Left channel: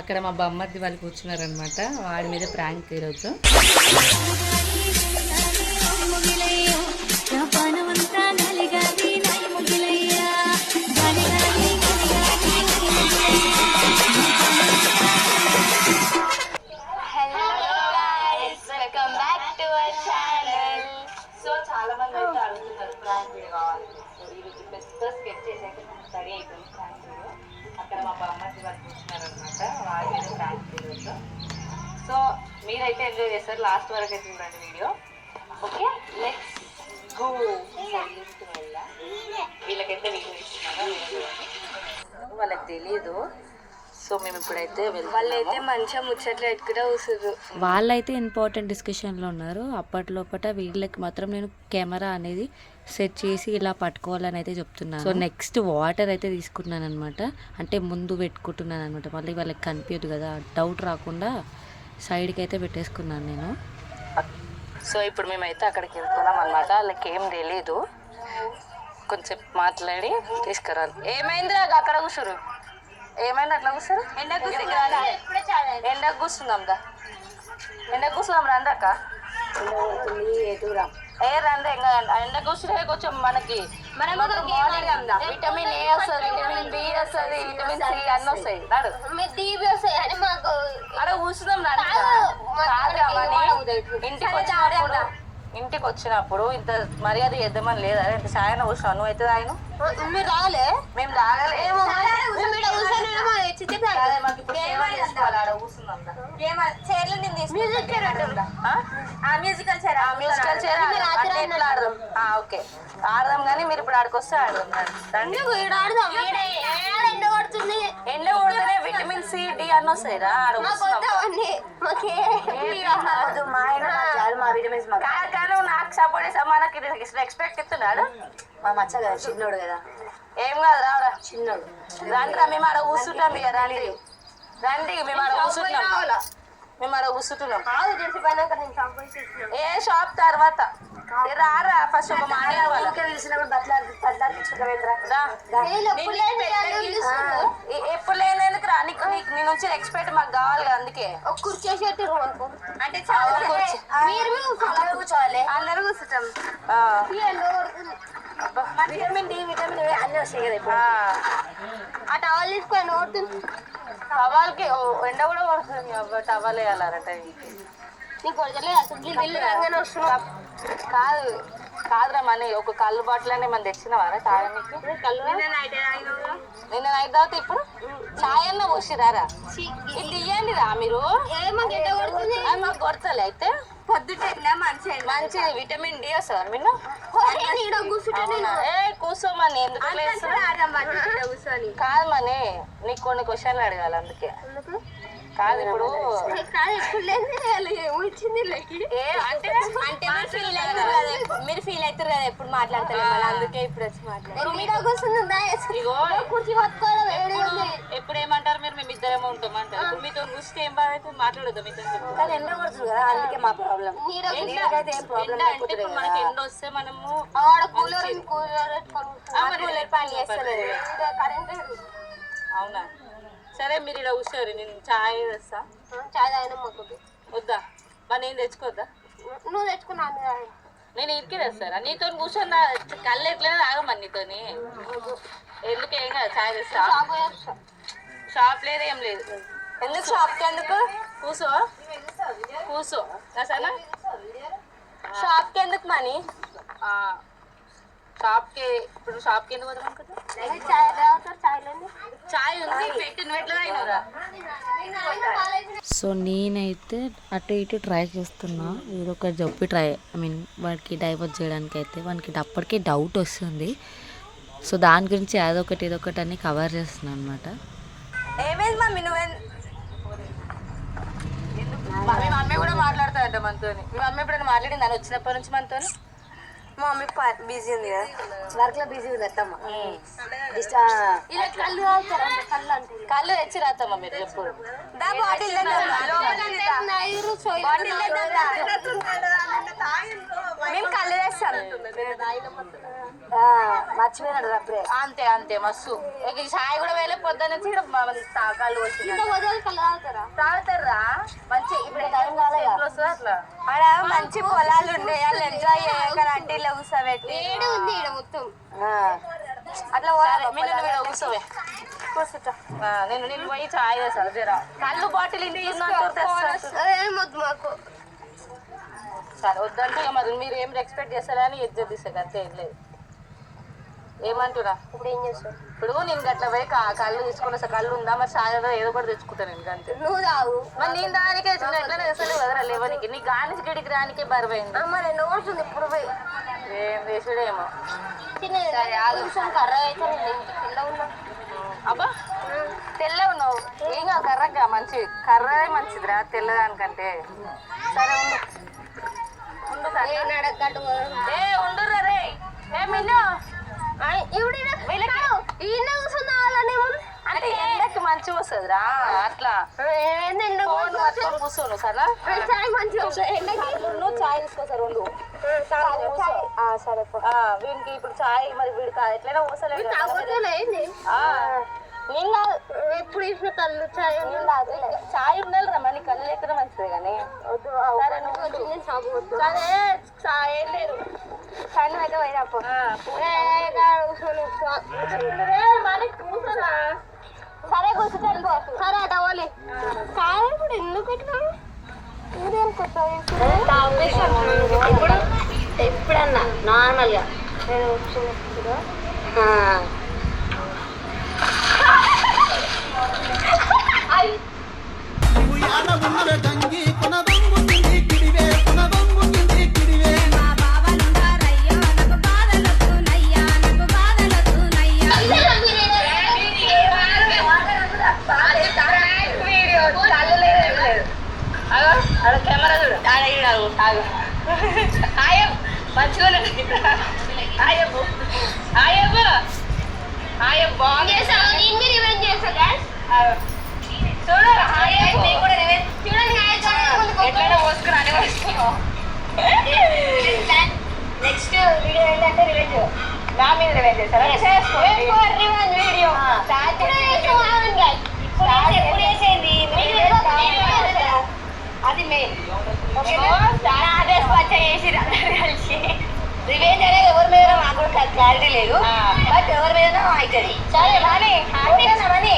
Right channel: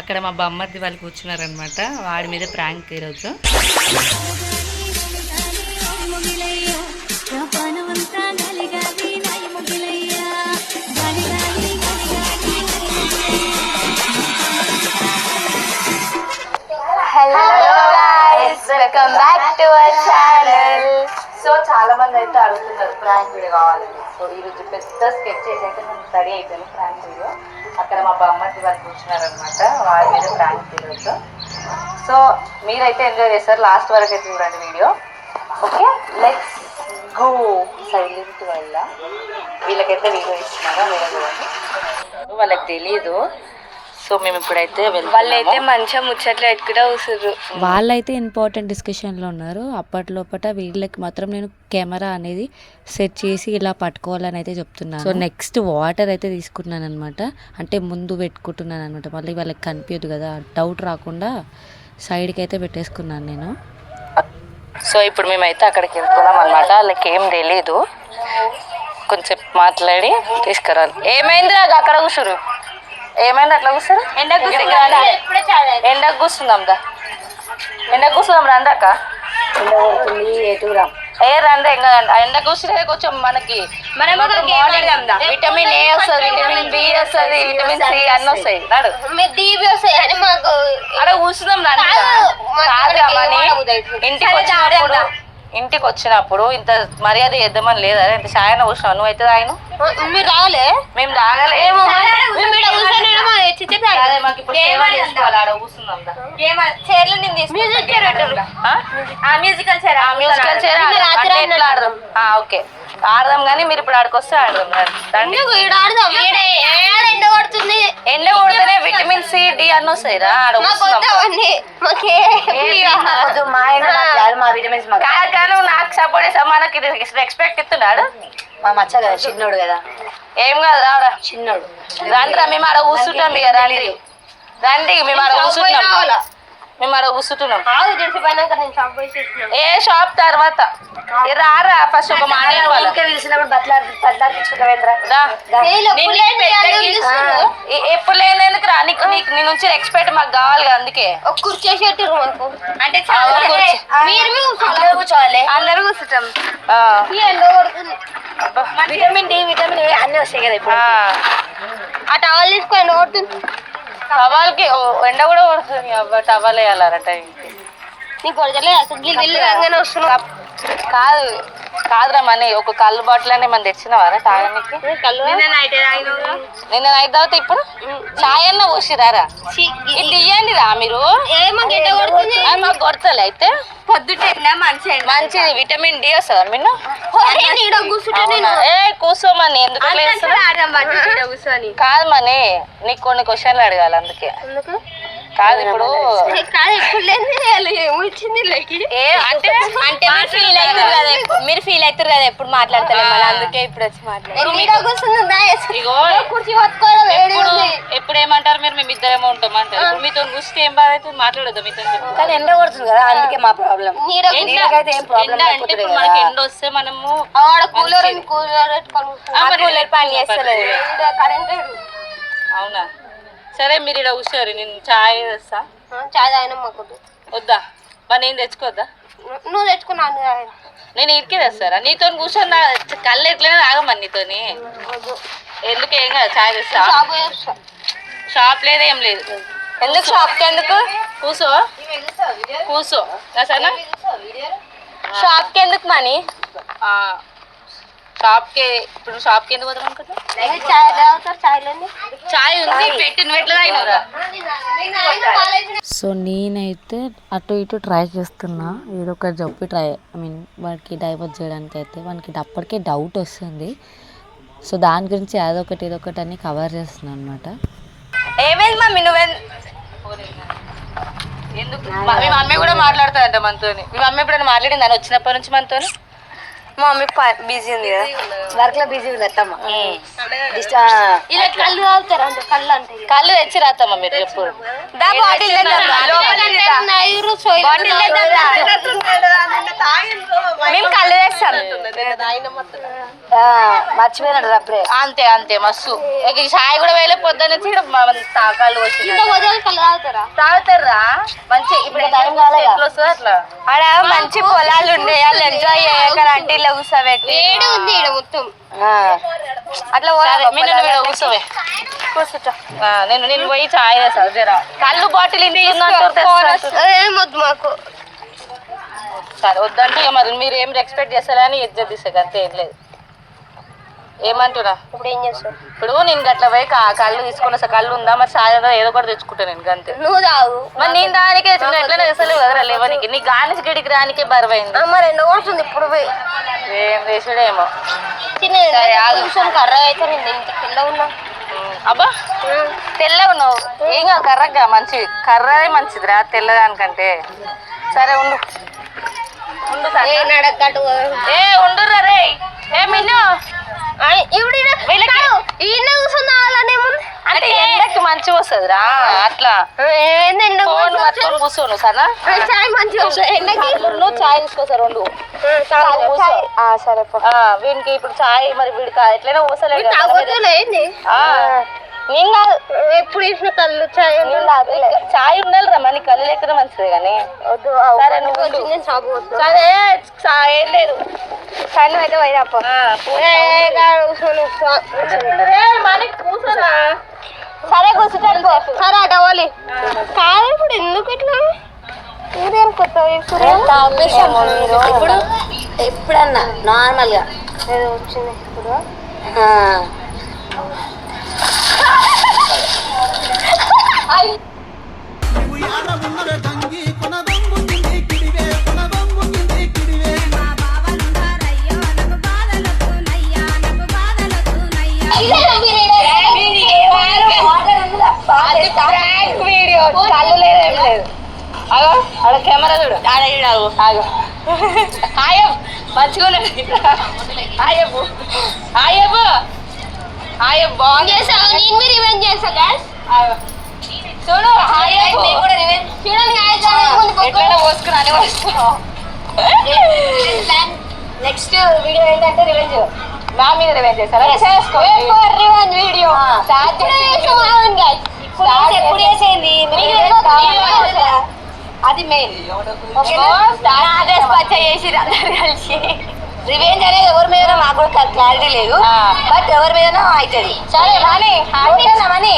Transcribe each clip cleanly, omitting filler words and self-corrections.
అక్కడ మా బామ్మర్ది వాళ్ళు కూర్చున్నారనమాట. వాడి మీద ప్రాంక్ ఈరోజు. Hello guys, welcome back to our channel. So చాలా మంది అయితే అడుగుతున్నారు ప్రాంక్ వీడియో కావాలని. సో ఈరోజు పెద్ద స్కెచ్ చేసి అయితే నేను రెడీ అయిపోయాను ప్రాంక్ వీడియో. అక్కడ మా బామ్మర్ది వాళ్ళు కూర్చున్నారనమాట. వాడి మీద ప్రాంక్ ఈరోజు. సో మీరైతే ఎంజాయ్ చేస్తారు, లాస్ట్ వరకు అయితే చూడండి video. Okay, let's go. Silent వల్ల వీళ్ళకైతే వీడియో ఇస్తున్నాను, వీడియో చూడండి. వాళ్ళకి తెలీదు. సో మేము ఇప్పుడైతే వాళ్ళైతే మంచిగా ముచ్చట్లు పెట్టుకుంటూ కూర్చుర్రు. వాళ్ళైతే ఇంపార్టెంట్ డిస్కషన్లో ఉన్నారు. అప్పట్లోపట వీళ్ళకి మాత్రం నేను కెమెరా అనేది సెట్ చేసి ఇలా పట్టుకోవాలని అయితే చెప్తున్నాను. సో నెక్స్ట్ వాటర్ అయితే తీసుకున్నాను అనమాట. అంటే ముందు పెట్టుకుంటున్నాను అనమాట, మళ్ళీ వాళ్ళకి కనిపించదు కదా, డౌట్ రాకుండా సైడ్కి అయితే పెట్టేసుకున్నాను నేను. సో ఇప్పుడు మేమైతే అక్కడికి వెళ్తున్నాం అనమాట. వాళ్ళకి ఏం తెలీదు, కొంచెం మాట్లాడి తీసుకురాలి. ఏమైంది అక్కడ కూర్చోరు? ఏమైంది అట్లా కూర్చోరు? ఎండకు కూర్చుందాం దా, ఎండకు కూర్చుందాం రండక్క. ఏ రండి, ఎండ కూర్చుంటే కొంచెం మనకి విటమిన్ ఏ వస్తుంది, విటమిన్ బి వస్తుంది, విటమిన్ సి అన్నీ వస్తాయి. నాడు అక్కడ కూర్చుందాం ఇంటికి వచ్చినప్పుడు ఇంత మర్యాద చేద్దామని లేదా? ఇంత సాయన కూర్చున్నావు, నువ్వైతే ఆయన మీరు రాలే? మేము రాగలే. ఓకే ఆడదాం, కానీ మీరు ఇప్పుడు ఆడుకొస్తే ఆడదాం. ఎండ కొడితేనే విటమిన్ సి డి అన్ని వస్తాయి రా. కానీ నాకు సపోర్ట్ చేస్తా, మనకి రెస్పెక్ట్ ఇస్తున్నాడు. మా మచ్చ కదా, చిన్నోడు కదా. ఏం కాదు రావరా, చిన్నోడు. రండి మేము ఆడ కూర్చుంటాం. ఇక రండి రండి, మేము ఆడ కూర్చుంటున్నాం. మేము ఆడ కూర్చుంటున్నాం. ఏ షాప్ తర్వాత రారా, ఫస్ట్ ఒక మాట ఎప్పుడు లేనందుకు రా. నీకు నీకు నీ నుంచి ఎక్స్పెక్ట్ మాకు కావాలి కదా, అందుకే కూర్చోసేట్టు అంటే కూర్చోవాలి, అందరూ కూర్చుంటాం. విటమిన్ డి, విటమిన్ ఏ అన్ని వస్తాయి కదా ఇప్పుడు. ఆ టవల్ తీసుకోండి, కొడుతుంది టవాల్కి. ఎండ కూడా కొడుతుంది, టవాల్ వేయాలరా టైంకి. నీకు కొడతలే అసలు వస్తున్నా. కాదు కాదురా మనీ, ఒక కళ్ళు బాటిల్ అని మనం తెచ్చినవారా తాగడానికి? నిన్న నైట్ తాగితే ఇప్పుడు చాయ్ అన్న పోసిరారా? ఇది ఇయ్యండి రా మీరు. మాకు కొడతలే అయితే పొద్దుట మంచిది, విటమిన్ డి వస్తుందా మీరు? ఏ కూర్చోమని ఎందుకు కాదు మనీ, నీకు కొన్ని క్వశ్చన్లు అడగాలి అందుకే. కాదు ఇప్పుడు మీరు ఫీల్ అవుతారు కదా ఎప్పుడు మాట్లాడతారు, అందుకే ఇప్పుడు వచ్చి ఎప్పుడు ఏమంటారు మీరు? మేము ఇద్దరేమో ఉంటాం అంటారు. ఇప్పుడు మీతో కూర్చుంటే ఏం బాగా అవుతుంది? మాట్లాడదు మీతో. కానీ ఎండ కొడుతుంది కదా, అందుకే మా ప్రాబ్లం. మనకి ఎండ వస్తే మనము అవునా? సరే మీరు ఇక్కడ కూర్చోరు, నేను చాయ్ తెస్తా. చాయ్ తాగినా మాకు వద్దా? మరి నేను తెచ్చుకోద్దా? నువ్వు తెచ్చుకున్నాను, నేను ఇటుకే తెస్తారా? నీతో కూర్చొని కళ్ళు ఎట్లనే తాగమని నీతోని. ఎందుకు ఏం కదా, చాయ్ తెస్తా. షాప్ లేదు ఏం లేదు. ఎందుకు షాప్కి? ఎందుకు కూర్చో కూర్చో సరేనా? షాప్కి ఎందుకు మనీ? షాప్కి ఇప్పుడు షాప్కి ఎందుకు పోతాం అనుకుంటా? చాయ్ ఉంది, పెట్టి నువ్వు ఎట్లా తాగినవురా? సో నేనైతే అటు ఇటు ట్రై చేస్తున్నా, ఏదో ఒక చెప్పి వాడికి డైవర్ట్ చేయడానికి. అయితే వానికి అప్పటికే డౌట్ వస్తుంది. సో దాని గురించి ఏదొకటి అని కవర్ చేస్తున్నాను అనమాట. ఏమైంది మమ్మీ? నువ్వే ఎందుకు? మీ మమ్మీ కూడా మాట్లాడుతుందంట మనతో. మీ మమ్మీ ఎప్పుడైనా మాట్లాడింది అని వచ్చినప్పటి నుంచి మనతో? మా మమ్మీ బిజీ ఉంది కదా, వర్క్ లో బిజీ ఉంది అత్తమ్మ. ఇలా కళ్ళు తాగుతారా అంటే కళ్ళు అంటే కళ్ళు తెచ్చి రాత్తమ్మ మీరు ఎప్పుడు దా బాటిల్ మేము కళ్ళు తెస్తాం. మర్చిపోయినాడు అప్పుడే. అంతే అంతే మస్తు ఇక ఈ చాయ్ కూడా వేలే పొద్దున్న నుంచి తాకాలు వచ్చి కళ్ళు తాగుతారా? తాగుతారా మంచి ఇప్పుడు టైం కాలేదు వస్తుంది అట్లా ఆడ మంచి పొలాలు ఉండే వాళ్ళు ఎంజాయ్ చేయగల అంటే ఇలా కూర్చోబెట్టి వేడి ఉంది ఈడ మొత్తం అట్లా కూర్చోవే నేను పోయి చాయ్ చేస్తా జరా కళ్ళు బాటిల్ ఏమొద్దు మాకు. సరే వద్దంటే ఇక మరి మీరు ఏం ఎక్స్పెక్ట్ చేస్తారని ఇజ్జత్ తీసేది అంతే ఏం లేదు. ఏమంటున్నా ఇప్పుడు ఏం చేస్తావు? ఇప్పుడు నేను అట్లా పోయి కళ్ళు తీసుకుని వస్తా. కళ్ళు ఉందా మరి సాయంత్రం ఏదో ఒకటి తెచ్చుకుంటా నేను అంతే. నువ్వు తాగు మరి నేను దానికే ఎట్లనే తెస్తలేవు కదా లేవనికి నీ గాలి గిడికి రానికే బరువైంది. మరి ఎండ కొడుతుంది ఇప్పుడు పోయి ఏం చేసాడేమో. నిమిషం కర్ర అయితే నేను ఇంత కింద ఉన్నా. అబ్బా తెల్లగా ఉన్నావు ఏం కాదు కర్రగా మంచిది కర్రే మంచిదిరా తెల్లదానికంటే. సరే ఉండు నడకట్టు ఏ ఉండుర్రా రే ఏ మిన్ను అంటే ఎండకి మంచిగా వస్తుందిరా అట్లా ఫోన్ పట్టుకొని కూర్చోను సరేనా. నువ్వు చాయ్ తీసుకోసా రెండు సరే వీనికి ఇప్పుడు చాయ్ మరి వీడికి ఎట్లయినా పోసలేదు నేను కాదు ఎప్పుడు వేసిన కళ్ళు చాయ్ చాయ్ ఉండాలి రా మరి కళ్ళు లేకుండా మంచిది కానీ. సరే నువ్వు సరే ఏం లేదు కళ్ళు అయితే వైరాప కూర్చోరా. సరే కూర్చుంటాను సరే అటవాలి కాదు ఇప్పుడు ఎందుకు ఇట్లా ఇదేం కొత్త ఇప్పుడు ఎప్పుడన్నా నార్మల్ గా వచ్చినప్పుడు నీవు యాడ ఉన్నవే తంగి కొనదొంగుంది కిడివే కొనదొంగుంది కిడివే నా బావలుండారయ్యో నాకు బాధలొత్తునయ్యా నాకు బాధలొత్తునయ్యా కళ్ళు లేదు ఏం లేదు అగో అక్కడ కెమెరా చూడు ఆగు ఆయబ్ మంచిగా ఆయబ్ ఆయబ్ ఆయబ్ బాగుంది చూడు ఎట్లయినా పోసుకుని అని నెక్స్ట్ వీడియో ఏంటంటే రివెంజ్. నా మీద రివెంజ్ చేస్తారా చేసుకో రివెంజ్ వీడియో అది మెయిన్. చేసి అందరు కలిసి రివెంజ్ అనేది ఎవరి మీద మాకు కూడా క్లారిటీ లేదు బట్ ఎవరి మీద అవుతుంది. సరే మనీ మనీ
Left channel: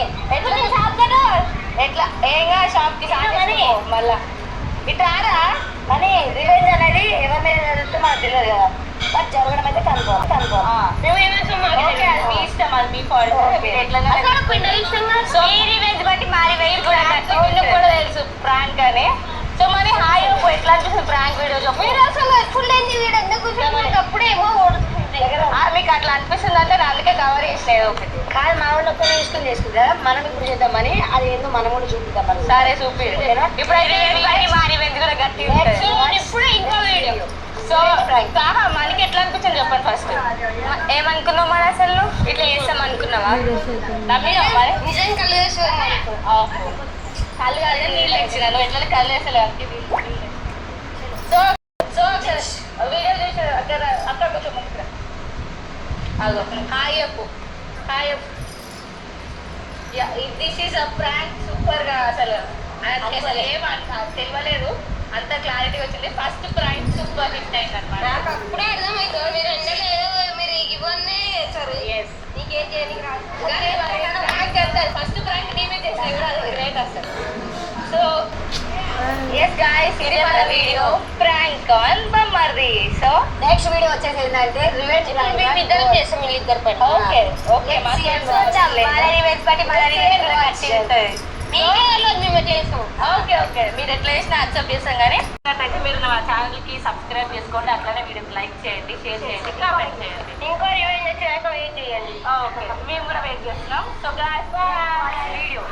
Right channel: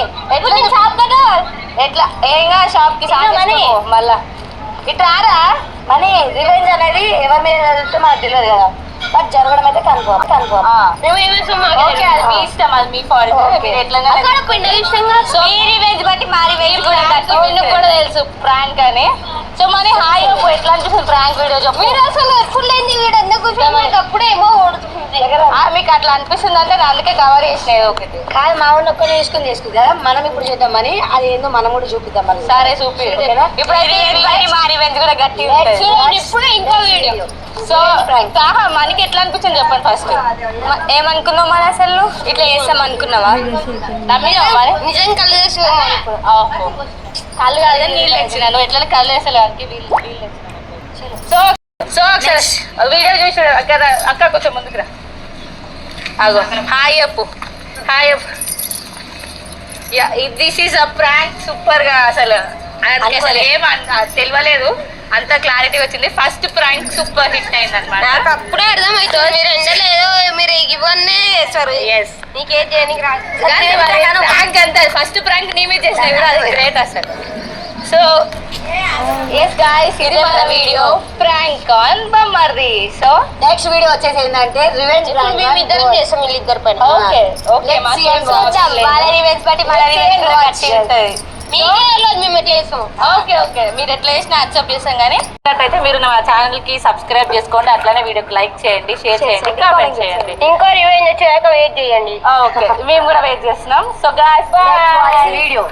ఎట్లా ఏంగా షాప్ కి మళ్ళా ఇట్లా రారా మనీ. రివెంజ్ అనేది ఎవరి మీద చదివితే మనకు తెలియదు కదా బట్ జరగడం అయితే కనుకోవాలి మీ ఇష్టం అది మీ ఫారెస్ట్ సో ఈ రివెంజ్ బట్టి మా రివెంజ్ కూడా తెలుసు ప్రాంక్ అని. సో మరి హాయ్ ఎట్లా అనిపిస్తుంది ప్రాంక్ వీడియో చెప్పు. మీరు అసలు ఎప్పుడు లేని వీడు ఎందుకు అప్పుడేమో మీకు అట్లా అనిపిస్తుంది అంటే అందుకే కవర్ చేసిన ఏదో ఒకటి కాదు మా ఊళ్ళో ఒక్కరు చేసుకుందా మనం ఇప్పుడు చూద్దామని అది ఏందో మనం కూడా చూపిద్దాం మళ్ళీ. సరే చూపి ఇప్పుడైతే మా రివెంజ్ కూడా గట్టి ఉంటుంది. ఇప్పుడు ఇంకో వీడియో. సో మనకి ఎట్లా అనిపించింది చెప్పండి ఫస్ట్. ఏమనుకున్నావు మన అసలు ఇట్లా చేస్తాం అనుకున్నావా మరి నిజం కళ్ళు కళ్ళు కాదే నీళ్ళు ఇచ్చిన నువ్వు ఎట్లా కళ్ళు వేసలే సో సో వీడియో చూసి అక్క కొంచెం ముందుకు రా అగో హాయ్ చెప్పు హాయ్ చెప్పు. This is a prank super గా అసలు అసలు ఏం తెలియలేదు అంత క్లారిటీ వచ్చింది. ఫస్ట్ ప్రాంక్ సూపర్ హిట్ అయింది అనమాట. నాకు అప్పుడే అర్థమవుతుంది మీరు ఎండలేదు మీరు ఇవన్నీ చేస్తారు. నీకేం చేయడానికి రాదు ప్రాంక్ అంతా ఫస్ట్ ప్రాంక్ నీ మీద చేసిన కూడా అది గ్రేట్ అసలు. సో yes guys ఇది మన వీడియో ప్రాంక్ ఆన్ బమ్మర్ది. సో నెక్స్ట్ వీడియో వచ్చేసి ఏంటంటే రివెంజ్ మేమిద్దరం చేస్తాం వీళ్ళిద్దరు పెట్టి ఓకే ఓకే వాళ్ళ రివెంజ్ బట్టి మన రివెంజ్ మేము చేస్తాం. ఓకే ఓకే మీరు ఎట్లా చేసినా యాక్సెప్ట్ చేస్తాం. కానీ అయితే మీరు నా ఛానల్ కి సబ్స్క్రైబ్ చేసుకోండి అట్లానే వీడియోకి లైక్ చేయండి షేర్ చేయండి కామెంట్ చేయండి. ఇంకో రివెంజ్ వచ్చాక వెయిట్ చేయండి. ఓకే మేము కూడా వెయిట్ చేస్తున్నాం. So guys by video.